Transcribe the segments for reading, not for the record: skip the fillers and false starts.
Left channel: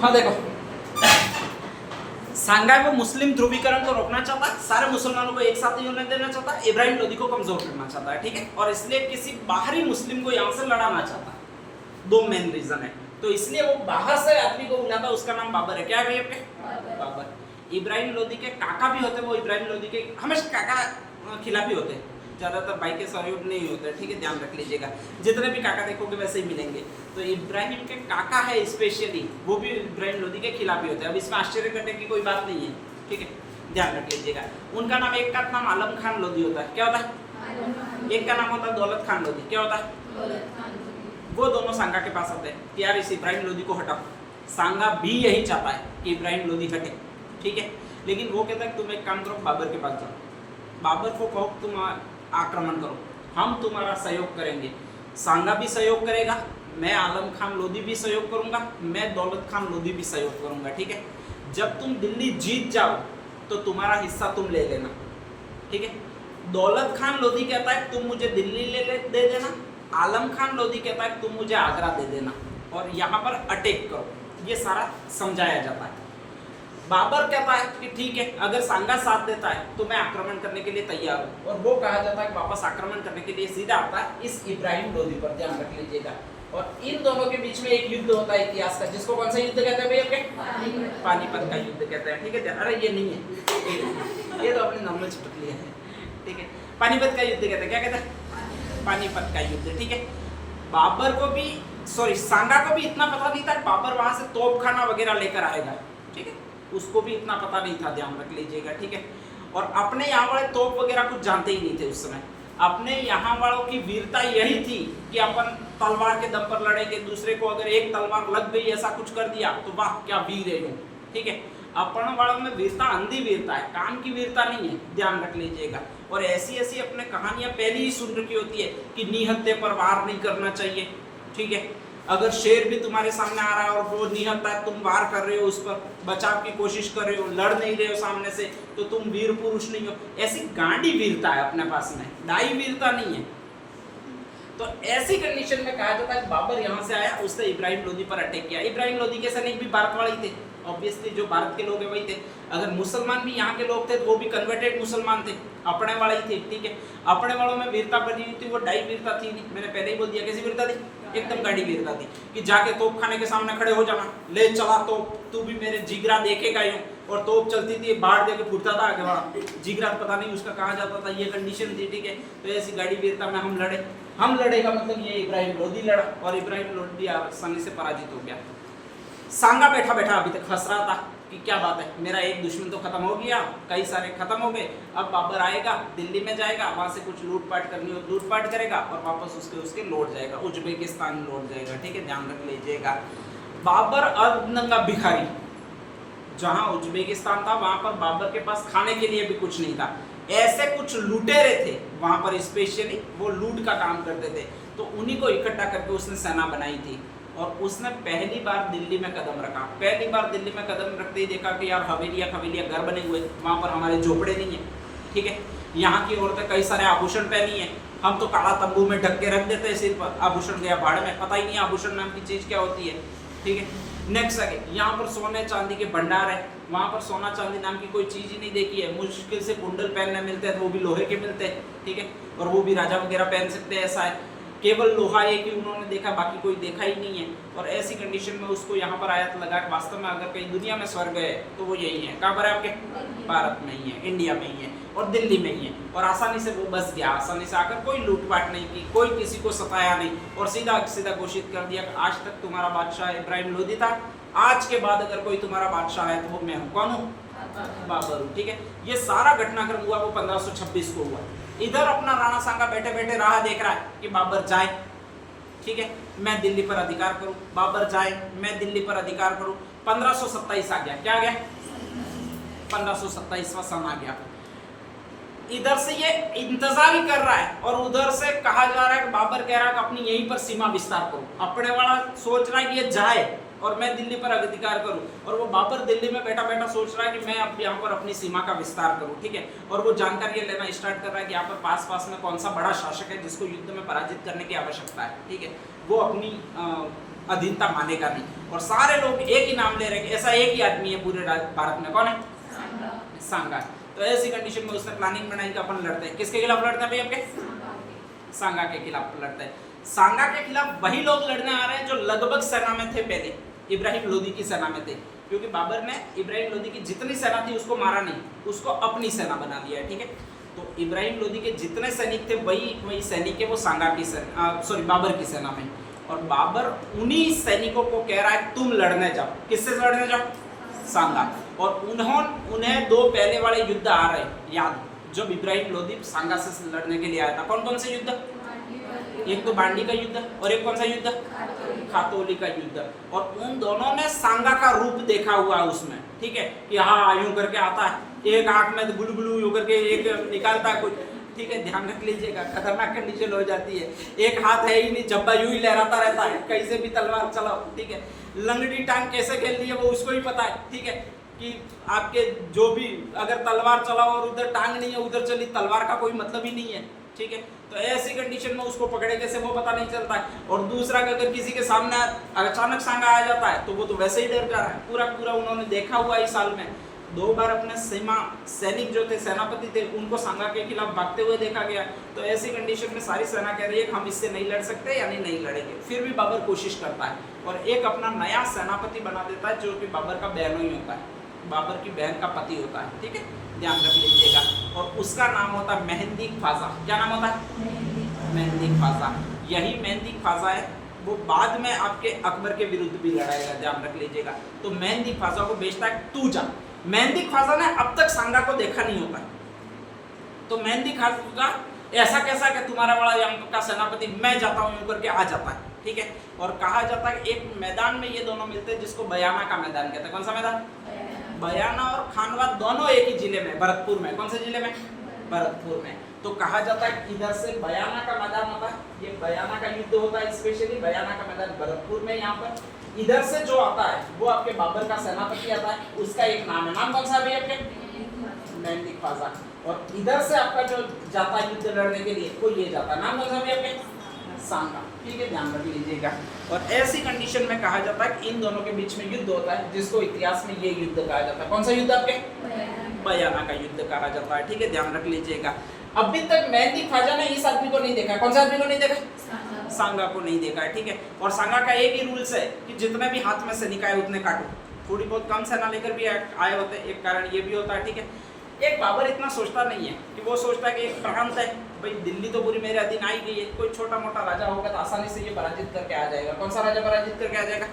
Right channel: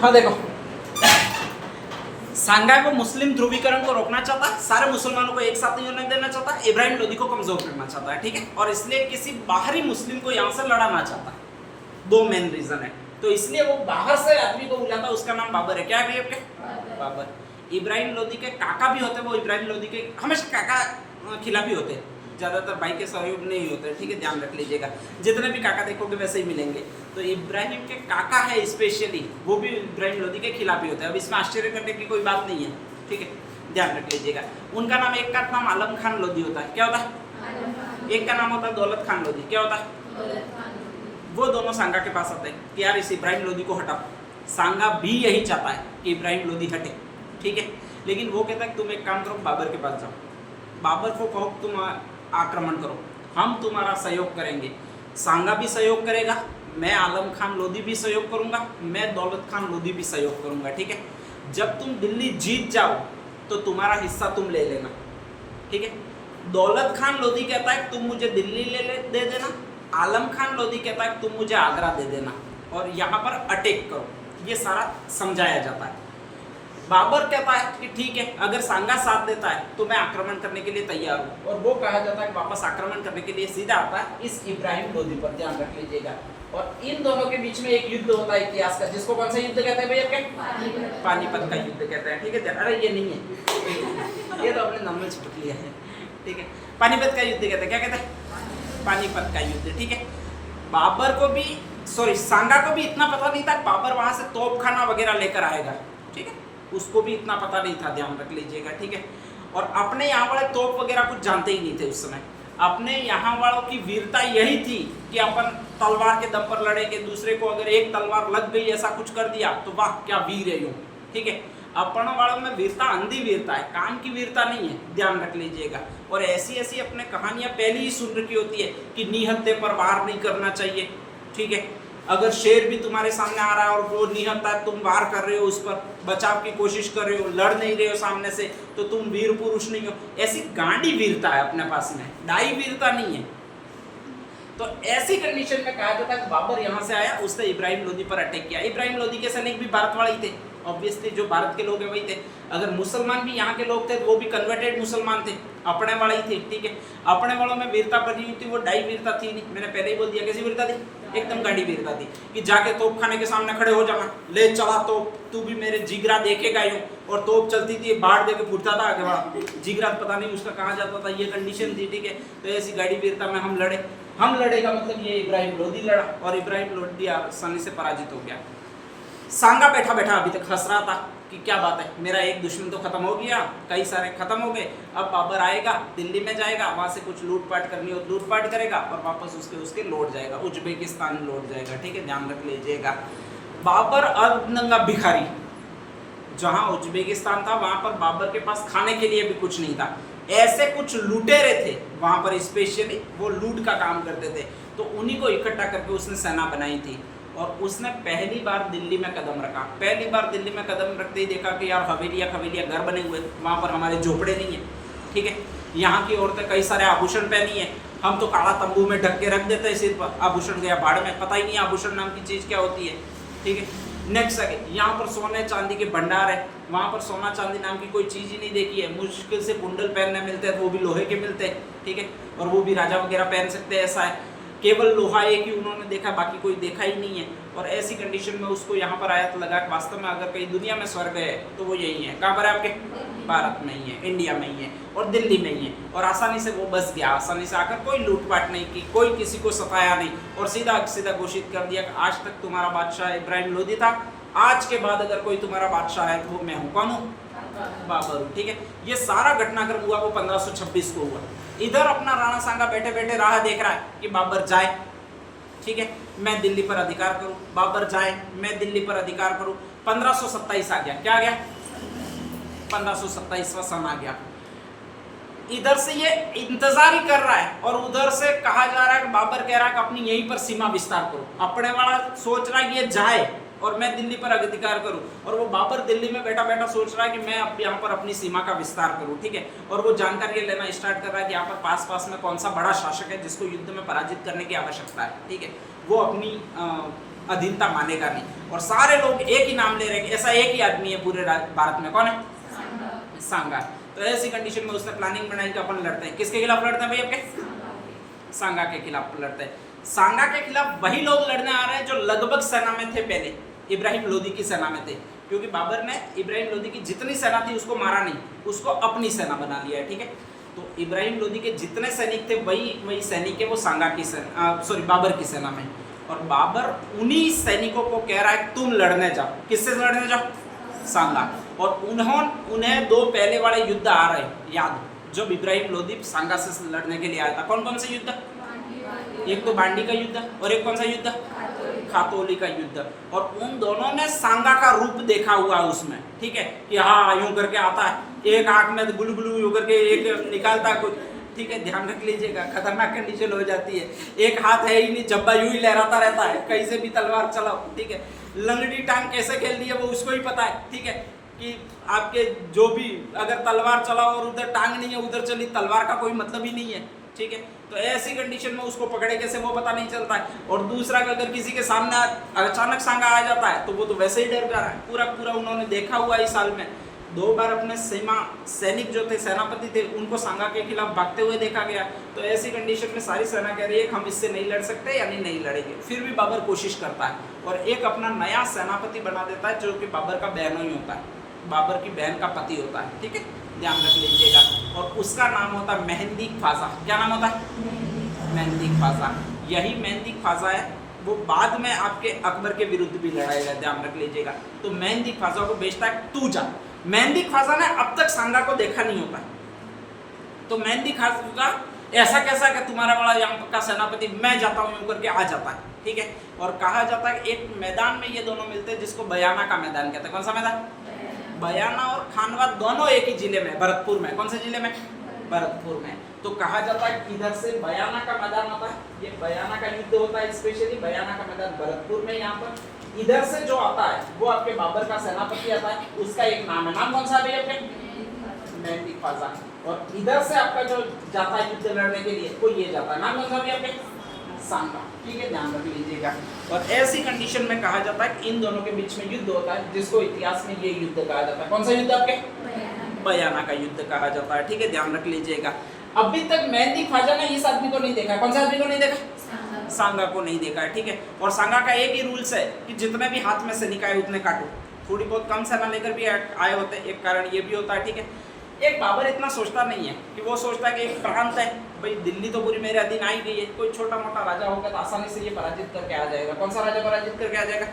हाँ देखो, सांघाई वो मुस्लिम ध्रुवीकरण को रोकना चाहता है, सारे मुसलमानों को एक साथ नहीं होने देना चाहता है, इब्राहिम लोदी को कमजोर करना चाहता है, ठीक है। और इसलिए किसी बाहरी मुस्लिम को यहाँ से लड़ाना चाहता है। दो मेन रीजन है, तो इसलिए वो बाहर से आदमी को बुलाता, उसका नाम बाबर है। क्या है भैया? बाबर। इब्राहिम लोदी के काका भी होते, वो इब्राहिम लोदी के हमेशा काका खिलाफी होते हैं, ज़्यादातर भाई के सहयोग नहीं होते, ठीक है, ध्यान रख लीजिएगा। जितने भी काका देखोगे वैसे ही मिलेंगे। तो इब्राहिम के काका है स्पेशली, वो भी इब्राहिम लोदी के खिलाफ ही होते हैं। अब इसमें आश्चर्य करने की कोई बात नहीं है, ठीक है, ध्यान रख लीजिएगा। उनका नाम, एक का नाम आलम खान लोदी होता है। क्या होता है? एक का नाम होता है दौलत खान लोदी। क्या होता है? वो दोनों सांगा के पास आते हैं कि यार इस इब्राहिम लोदी को हटाओ। सांगा भी यही चाहता है कि इब्राहिम लोदी हटे, ठीक है। लेकिन वो कहता है कि तुम एक काम करो, बाबर के पास जाओ, बाबर को कहो तुम आक्रमण करो, हम तुम्हारा सहयोग करेंगे। सांगा भी सहयोग करेगा, मैं आलम खान लोदी भी सहयोग करूंगा, मैं दौलत खान लोदी भी सहयोग करूंगा, ठीक है। जब तुम दिल्ली जीत जाओ तो तुम्हारा हिस्सा तुम ले लेना, ठीक है। दौलत खान लोदी कहता है तुम मुझे दिल्ली दे देना, आलम खान लोदी कहता है तुम मुझे आगरा दे देना और यहाँ पर अटैक करो। ये सारा समझाया जाता है। बाबर कहता है कि ठीक है, अगर सांगा साथ देता है तो मैं आक्रमण करने के लिए तैयार हूँ। और वो कहा जाता है कि वापस आक्रमण करने के लिए सीधा आता है इस इब्राहिम लोदी पर, ध्यान रख लीजिएगा। और इन दोनों के बीच में एक युद्ध होता है इतिहास का, जिसको कौन सा युद्ध कहते हैं भैया? पानीपत का युद्ध कहते हैं, ठीक है। अरे ये नहीं है, ये तो अपने नॉर्मल चिपक लिया है, ठीक है। पानीपत का युद्ध कहते हैं। क्या कहते हैं? पानीपत का युद्ध, ठीक है। बाबर को भी, सॉरी, सांगा को भी इतना पता नहीं था बाबर वहां से तोपखाना वगैरह लेकर आएगा, ठीक है, उसको भी इतना पता नहीं था, ध्यान रख लीजिएगा, ठीक है। और अपने यहाँ वाले तोप वगैरह कुछ जानते ही नहीं थे उस समय। अपने यहाँ वालों की वीरता यही थी कि अपन तलवार के दम पर लड़ेंगे, दूसरे को अगर एक तलवार लग गई, ऐसा कुछ कर दिया तो वाह क्या वीर है यूं, ठीक है। अपन वालों में वीरता अंधी वीरता है, काम की वीरता नहीं है, ध्यान रख लीजिएगा। और ऐसी ऐसी अपने कहानियां पहले ही सुन रखी होती है कि निहत्थे पर वार नहीं करना चाहिए, ठीक है। अगर शेर भी तुम्हारे सामने आ रहा है और वो निहत्था है, तुम वार कर रहे हो, उस पर बचाव की कोशिश कर रहे हो, लड़ नहीं रहे हो सामने से, तो तुम वीर पुरुष नहीं हो। ऐसी गांडी वीरता है अपने पास में, दाई वीरता नहीं है। तो ऐसी कंडीशन में कहा जाता है कि बाबर यहाँ से आया, उसने इब्राहिम लोदी पर अटैक किया। इब्राहिम लोदी के सैनिक भी भारत वाले थे, ऑब्वियसली जो भारत के लोग हैं वही थे। अगर मुसलमान भी यहाँ के लोग थे तो वो भी कन्वर्टेड मुसलमान थे, अपने वाले ही थे, ठीक है। अपने वालों में वीरता बनी हुई थी, वो डाई वीरता थी नहीं, मैंने पहले ही बोल दिया। कैसी वीरता थी? एकदम गाड़ी वीरता थी कि जाके तोप खाने के सामने खड़े हो जाना, ले चला तोप, तू भी मेरे जिगरा देखेगा यूं। और तोप चलती थी, बाढ़ दे के फूटता था, जिगरा पता नहीं उसका कहाँ जाता था, ये कंडीशन थी, ठीक है। तो ऐसी गाड़ी वीरता में हम लड़े। हम लड़े का मतलब ये इब्राहिम लोदी लड़ा और इब्राहिम लोदी आसानी से पराजित हो गया। सांगा बैठा बैठा अभी तक हंस रहा था कि क्या बात है, मेरा एक दुश्मन तो खत्म हो गया, कई सारे खत्म हो गए, अब बाबर आएगा, दिल्ली में जाएगा, वहां से कुछ लूटपाट करनी हो लूटपाट करेगा और वापस उसके लौट जाएगा, उज्बेकिस्तान लौट जाएगा, ठीक है, ध्यान रख लीजिएगा। बाबर अर्धनंगा भिखारी, जहां उज्बेकिस्तान था वहां पर बाबर के पास खाने के लिए भी कुछ नहीं था। ऐसे कुछ लुटेरे थे वहां पर, स्पेशली वो लूट का काम करते थे, तो उन्हीं को इकट्ठा करके उसने सेना बनाई थी। और उसने पहली बार दिल्ली में कदम रखा, पहली बार दिल्ली में कदम रखते ही देखा कि यार हवेलियाँ घर बने हुए, वहाँ पर हमारे झोपड़े नहीं है, ठीक है। यहाँ की औरतें कई सारे आभूषण पहनी है, हम तो काला तंबू में ढक के रख देते हैं सिर पर, आभूषण गया भाड़ में, पता ही नहीं आभूषण नाम की चीज़ क्या होती है, ठीक है। नेक्स्ट आगे, यहाँ पर सोने चांदी के भंडार है, वहाँ पर सोना चांदी नाम की कोई चीज़ ही नहीं देखी है। मुश्किल से कुंडल पहनने मिलते हैं तो वो भी लोहे के मिलते हैं, ठीक है, और वो भी राजा वगैरह पहन सकते हैं, ऐसा है। केवल लोहा एक ही उन्होंने देखा, बाकी कोई देखा ही नहीं है। और ऐसी कंडीशन में उसको यहाँ पर आया तो लगा कि वास्तव में अगर कहीं दुनिया में स्वर्ग है तो वो यही है। कहाँ पर है आपके? भारत में ही है, इंडिया में ही है और दिल्ली में ही है। और आसानी से वो बस गया, आसानी से आकर कोई लूटपाट नहीं की, कोई किसी को सताया नहीं और सीधा सीधा घोषित कर दिया कि आज तक तुम्हारा बादशाह इब्राहिम लोदी था, आज के बाद अगर कोई तुम्हारा बादशाह है तो वो मैं हूँ। कौन हूँ? बाबर हूँ, ठीक है। ये सारा घटनाक्रम हुआ वो 1526 को हुआ। इधर अपना राणा सांगा बैठे बैठे राह देख रहा है कि बाबर जाए, ठीक है, मैं दिल्ली पर अधिकार करूं, बाबर जाए, मैं दिल्ली पर अधिकार करूं। 1527 आ गया, क्या आ गया? 1527वां सन आ गया। इधर से ये इंतजार ही कर रहा है और उधर से कहा जा रहा है कि बाबर कह रहा है कि अपनी यहीं पर सीमा विस्तार करो। अपने वाला सोच रहा है कि ये जाए और मैं दिल्ली पर अधिकार करूं, और वो बाबर दिल्ली में बैठा बैठा सोच रहा है कि मैं अब यहाँ पर अपनी सीमा का विस्तार करूं, ठीक है। और वो जानकारी लेना स्टार्ट कर रहा है कि यहाँ पर पास में कौन सा बड़ा शासक है जिसको युद्ध में पराजित करने की आवश्यकता है, ठीक है। वो अपनी अधीनता मानेगा नहीं। और सारे लोग एक ही नाम ले रहे हैं, ऐसा एक ही आदमी है पूरे भारत में, कौन है? सांगा। तो ऐसी कंडीशन में उसने प्लानिंग बनाई कि अपन लड़ते हैं, किसके खिलाफ लड़ते हैं भाई? आपके सांगा के खिलाफ लड़ते हैं। सांगा के खिलाफ वही लोग लड़ने आ रहे हैं जो लगभग सेना में थे पहले, इब्राहिम लोदी की सेना में थे, क्योंकि बाबर ने इब्राहिम लोदी की जितनी सेना थी उसको मारा नहीं, उसको अपनी सेना बना लिया है, ठीक है। तो इब्राहिम लोदी के जितने सैनिक थे वही सैनिक है वो सांगा की सेना, बाबर की सेना में। और बाबर उन्हीं सैनिकों को कह रहा है तुम लड़ने जाओ, किससे लड़ने जाओ? सांगा। और उन्हें दो पहले वाले युद्ध आ रहे याद, जब इब्राहिम लोदी सांगा से लड़ने के लिए आया था। कौन कौन से युद्ध? एक तो बांडी का युद्ध और एक कौन सा युद्ध? खातोली का युद्ध। और उन दोनों ने सांगा का रूप देखा हुआ है उसमें, ठीक है, कि हाँ यूं करके आता है, एक आंख में गुलगुलू यूं करके एक निकालता है कुछ, ठीक है, ध्यान रख लीजिएगा, खतरनाक कंडीशन हो जाती है। एक हाथ है ही नहीं, जब्बा यूं ही लहराता रहता है, कहीं से भी तलवार चलाओ, ठीक है। लंगड़ी टांग कैसे खेलती है वो उसको ही पता है, ठीक है, कि आपके जो भी अगर तलवार चलाओ और उधर टांग नहीं है उधर चली, तलवार का कोई मतलब ही नहीं है, ठीक है। तो ऐसी कंडीशन में उसको पकड़े कैसे वो पता नहीं चलता है। और दूसरा अगर किसी के सामने अचानक सांगा आ जाता है तो वो तो वैसे ही डर जा रहा है, पूरा उन्होंने देखा हुआ इस साल में 2 बार अपने सैनिक जो थे, सेनापति थे, उनको सांगा के खिलाफ भागते हुए देखा गया। तो ऐसी कंडीशन में सारी सेना कह रही है हम इससे नहीं लड़ सकते, यानी नहीं लड़ेंगे। फिर भी बाबर कोशिश करता है और एक अपना नया सेनापति बना देता है जो कि बाबर का बहनों ही होता है, बाबर की बहन का पति होता है, ठीक है, ध्यान रख लीजिएगा। और उसका नाम होता है मेहंदी ख्वाजा। क्या नाम होता है? मेहंदी ख्वाजा। यही मेहंदी ख्वाजा है, वो बाद में आपके अकबर के विरुद्ध भी लड़ाएगा, ध्यान रख लीजिएगा। तो मेहंदी ख्वाजा को भेजता है तू जा। मेहंदी ख्वाजा ने अब तक सांगा को देखा नहीं होता, तो मेहंदी ख्वाजा ऐसा कैसा कि तुम्हारा बड़ा यहाँ का सेनापति मैं जाता हूँ करके आ जाता है, ठीक है। और कहा जाता है एक मैदान में ये दोनों मिलते हैं जिसको बयाना का मैदान कहते हैं। कौन सा मैदान? बयाना और खानवा दोनों एक ही जिले में, भरतपुर में। कौन से जिले में? भरतपुर में। तो कहा जाता है कि इधर से बयाना का मैदान होता है, ये बयाना का युद्ध होता है, स्पेशली बयाना का मैदान भरतपुर में। यहाँ पर इधर से जो आता है वो आपके बाबर का सेनापति आता है, उसका एक नाम है, नाम कौन सा है आपके? मेहंदी ख्वाजा। और इधर से आपका जो जाता है युद्ध लड़ने के लिए वो ये जाता है, नाम कौन सा है आपके? सांगा, ठीक है, ध्यान रख लीजिएगा। और ऐसी कंडीशन में कहा जाता है कि इन दोनों के बीच में युद्ध होता है जिसको इतिहास में ये युद्ध कहा जाता है। कौन सा युद्ध आपके? बयाना का युद्ध कहा जाता है, ठीक है, ध्यान रख लीजिएगा। अभी तक मेहंदी ख्वाजा ने इस आदमी को नहीं देखा। कौन सा आदमी को नहीं देखा? सांगा को नहीं देखा है, ठीक है। और सांगा का एक ही रूल्स है कि जितने भी हाथ में सैनिक आए उतने काटो। थोड़ी बहुत कम सेना लेकर भी आए होते हैं, एक कारण ये भी होता है, ठीक है। एक बाबर इतना सोचता नहीं है कि वो सोचता है कि एक प्रांत है भाई, दिल्ली तो पूरी मेरे अधीन आई गई है, कोई छोटा मोटा राजा होगा तो आसानी से ये पराजित करके आ जाएगा। कौन सा राजा पराजित करके आ जाएगा?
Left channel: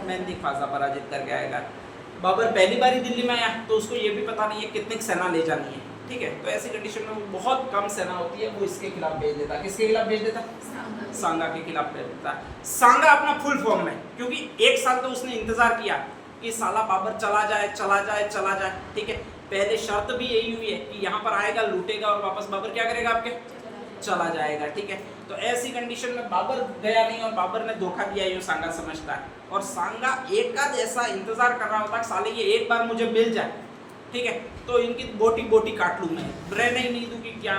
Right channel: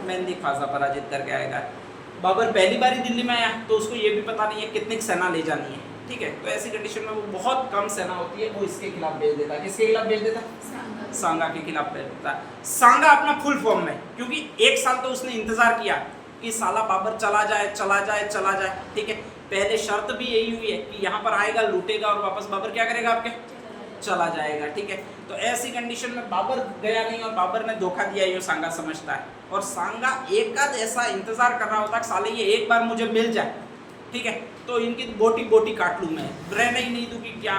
मेहंदी ख्वाजा पराजित करके आएगा। बाबर पहली बार ही दिल्ली में आया तो उसको ये भी पता नहीं है कितनी सेना ले जानी है, ठीक है। तो ऐसी कंडीशन में वो बहुत कम सेना होती है, वो इसके खिलाफ भेज देता है। किसके खिलाफ भेज देता? सांगा के खिलाफ भेज देता है। सांगा अपना फुल फॉर्म में, क्योंकि 1 साल तो उसने इंतजार किया कि साला बाबर चला जाए, ठीक है। पहले शर्त भी यही हुई है कि यहाँ पर आएगा, लूटेगा और वापस बाबर क्या करेगा? आपके चला जाएगा, ठीक है। तो ऐसी कंडीशन में बाबर गया नहीं और बाबर ने धोखा दिया, ये सांगा समझता है। और सांगा एक आध ऐसा इंतजार कर रहा होता है साले ये एक बार मुझे मिल जाए, ठीक है, तो इनकी बोटी काट लूँ मैं, रहने ही नहीं दूँ कि क्या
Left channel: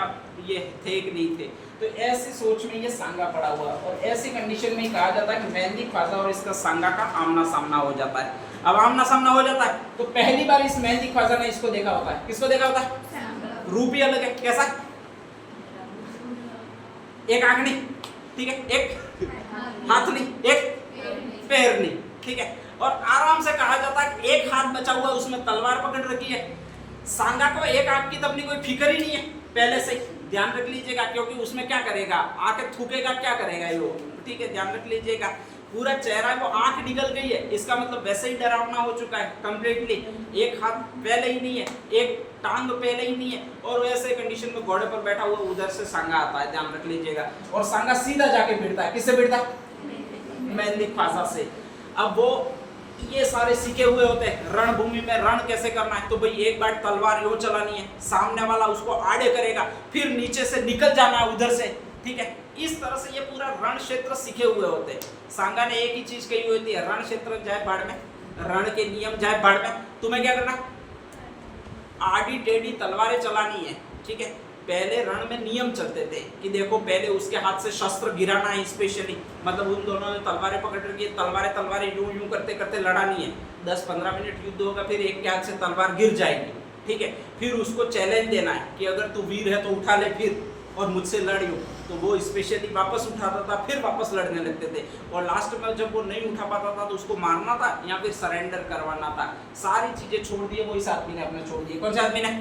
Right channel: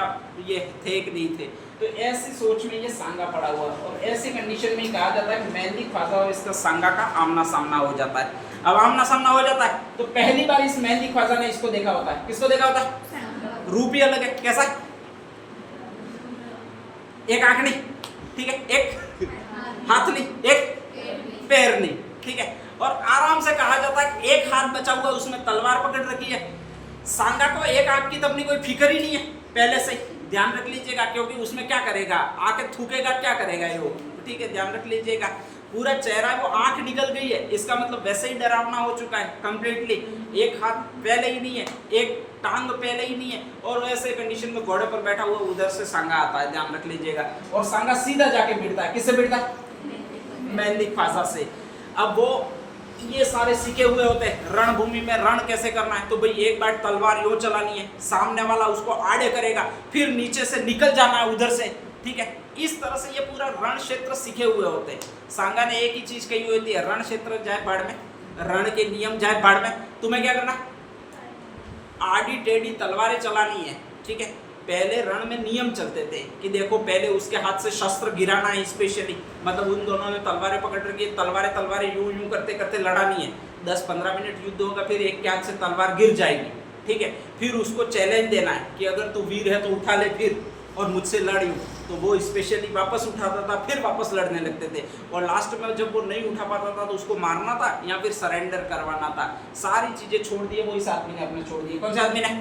ये थे कि नहीं थे। तो ऐसी सोच में ये सांगा पड़ा हुआ। और ऐसी कंडीशन में ही कहा जाता है कि मेहंदी ख्वाजा और इसका सांगा का आमना सामना हो जाता है। अब आमना सामना हो जाता है तो पहली बार इस मेहंदी ख्वाजा ने इसको देखा होता है। किसको देखा होता है? रूप ही अलग है। कैसा? एक आंख नहीं, ठीक है, एक हाथ नहीं, एक पैर नहीं, ठीक है। और आराम से कहा जाता है एक हाथ बचा हुआ, उसमें तलवार पकड़ रखी है। सांगा को एक आंख की तो अपनी कोई फिक्र ही नहीं है पहले से, ध्यान रख लीजिएगा, क्योंकि उसमें क्या करेगा? आके थूकेगा, क्या करेगा ये, ठीक है, ध्यान रख लीजिएगा। पूरा चेहरा वो आंख निकल गई है, इसका मतलब वैसे ही डरावना हो चुका है कंप्लीटली। एक हाथ पहले ही नहीं है, एक टांग पहले ही नहीं है, और ऐसे कंडीशन में घोड़े पर बैठा हुआ उधर से सांगा आता है, ध्यान रख लीजिएगा। और सांगा सीधा जाके भिड़ता है। किससे भिड़ता है? मेहंदी ख्वाजा से। अब वो ये सारे सीखे हुए होते हैं रणभूमि में रण कैसे करना है, तो भाई एक बार तलवार यूं चलानी है, सामने वाला उसको आड़े करेगा, फिर नीचे से निकल जाना है उधर से, ठीक है। इस तरह से ये पूरा रण क्षेत्र सीखे हुए होते हैं। सांगा ने एक ही चीज कही होती है, रण क्षेत्र जाए बाढ़ में, रण के नियम जाए बाढ़ में। तुम्हें क्या करना? आड़ी टेढ़ी तलवारें चलानी है, ठीक है। पहले रण में नियम चलते थे कि देखो पहले उसके हाथ से शस्त्र गिराना है स्पेशली, मतलब उन दोनों ने तलवारें पकड़ रखी है, तलवारें यूं यूं करते करते लड़ानी है। 10-15 मिनट युद्ध होगा, फिर एक के हाथ से तलवार गिर जाएगी, ठीक है। फिर उसको चैलेंज देना है कि अगर तू वीर है तो उठा ले फिर और मुझसे लड़ यूं। तो वो स्पेशली वापस उठाता था, फिर वापस लड़ने लगते थे। और लास्ट में जब वो नहीं उठा पाता था तो उसको मारना था या फिर सरेंडर करवाना था। सारी चीजें छोड़ दी, वो इस आदमी ने अपने छोड़ दी। कौन से आदमी ने?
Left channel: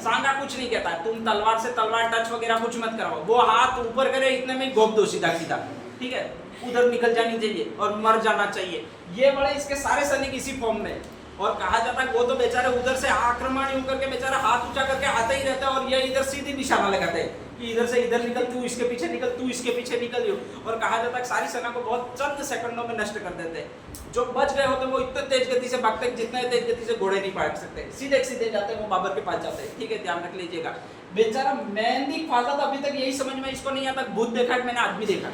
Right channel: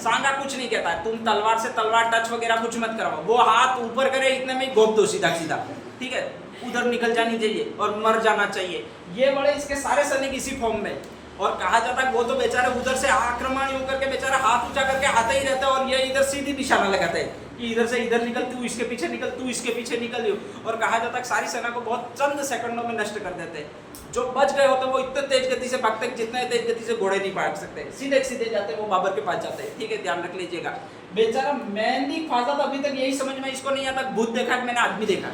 सांगा कुछ नहीं कहता है, तुम तलवार से तलवार टच वगैरह कुछ मत करवाओ। वो हाथ ऊपर करे इतने में गोप दो सीधा सीधा, ठीक है, उधर निकल जानी चाहिए और मर जाना चाहिए। ये बड़े इसके सारे सैनिक इसी फॉर्म में। और कहा जाता है वो तो बेचारे उधर से आक्रमण यूं करके बेचारा हाथ ऊंचा करके आते ही रहता है और ये इधर सीधी निशाना लगाते हैं कि इधर से इधर निकल, तू इसके पीछे निकल, तू इसके पीछे निकल। और कहा जाता है सारी सेना को बहुत चंद सेकंडों में नष्ट कर देते हैं। जो बच गए होते वो इतने तेज गति से भागते हैं जितने तेज गति से घोड़े नहीं भाग सकते, सीधे सीधे जाते हैं वो बाबर के पास जाते हैं, ठीक है, ध्यान रख लीजिएगा। बेचारा मेहंदी ख्वाजा तो अभी तक यही समझ में इसको नहीं आता भूत देखा है मैंने आदमी देखा,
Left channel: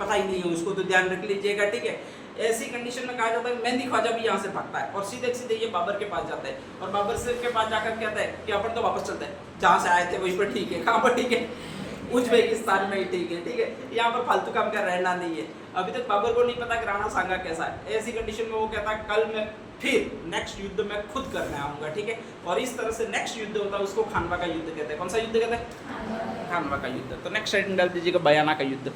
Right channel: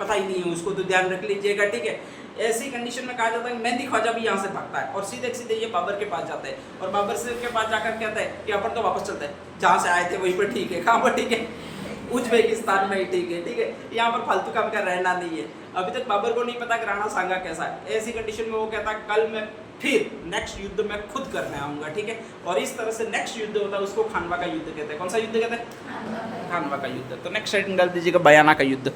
पता ही नहीं है उसको, तो ध्यान रख लीजिएगा, ठीक है। ऐसी कंडीशन में कहा जाता है मेहंदी ख्वाजा भी यहाँ से भागता है और सीधे सीधे ये बाबर के पास जाता है और बाबर से के पास जाकर कहता है कि अपन तो वापस चलते हैं, जहाँ से आए थे वहीं पर ठीक है। कहाँ पर ठीक है? उज्बेकिस्तान में ही ठीक है, ठीक है, यहाँ पर फालतू काम का रहना नहीं है। अभी तक बाबर को नहीं पता कि राणा सांगा कैसा है। ऐसी कंडीशन में वो कहता है कल मैं फिर नेक्स्ट युद्ध में खुद करने आऊँगा, ठीक है। और इस तरह से नेक्स्ट युद्ध होता है उसको खानवा का युद्ध कहते हैं। कौन सा युद्ध कहते हैं? खानवा का युद्ध। तो नेक्स्ट साइड डाल दीजिएगा बयाना का युद्ध।